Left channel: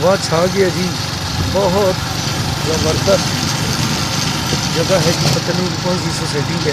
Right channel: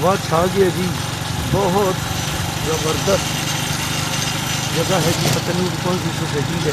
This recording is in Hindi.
हवा छा गया जी, बहुत ज़बरदस्त जगह है जी। पता नहीं कौन सी सोसाइटी है।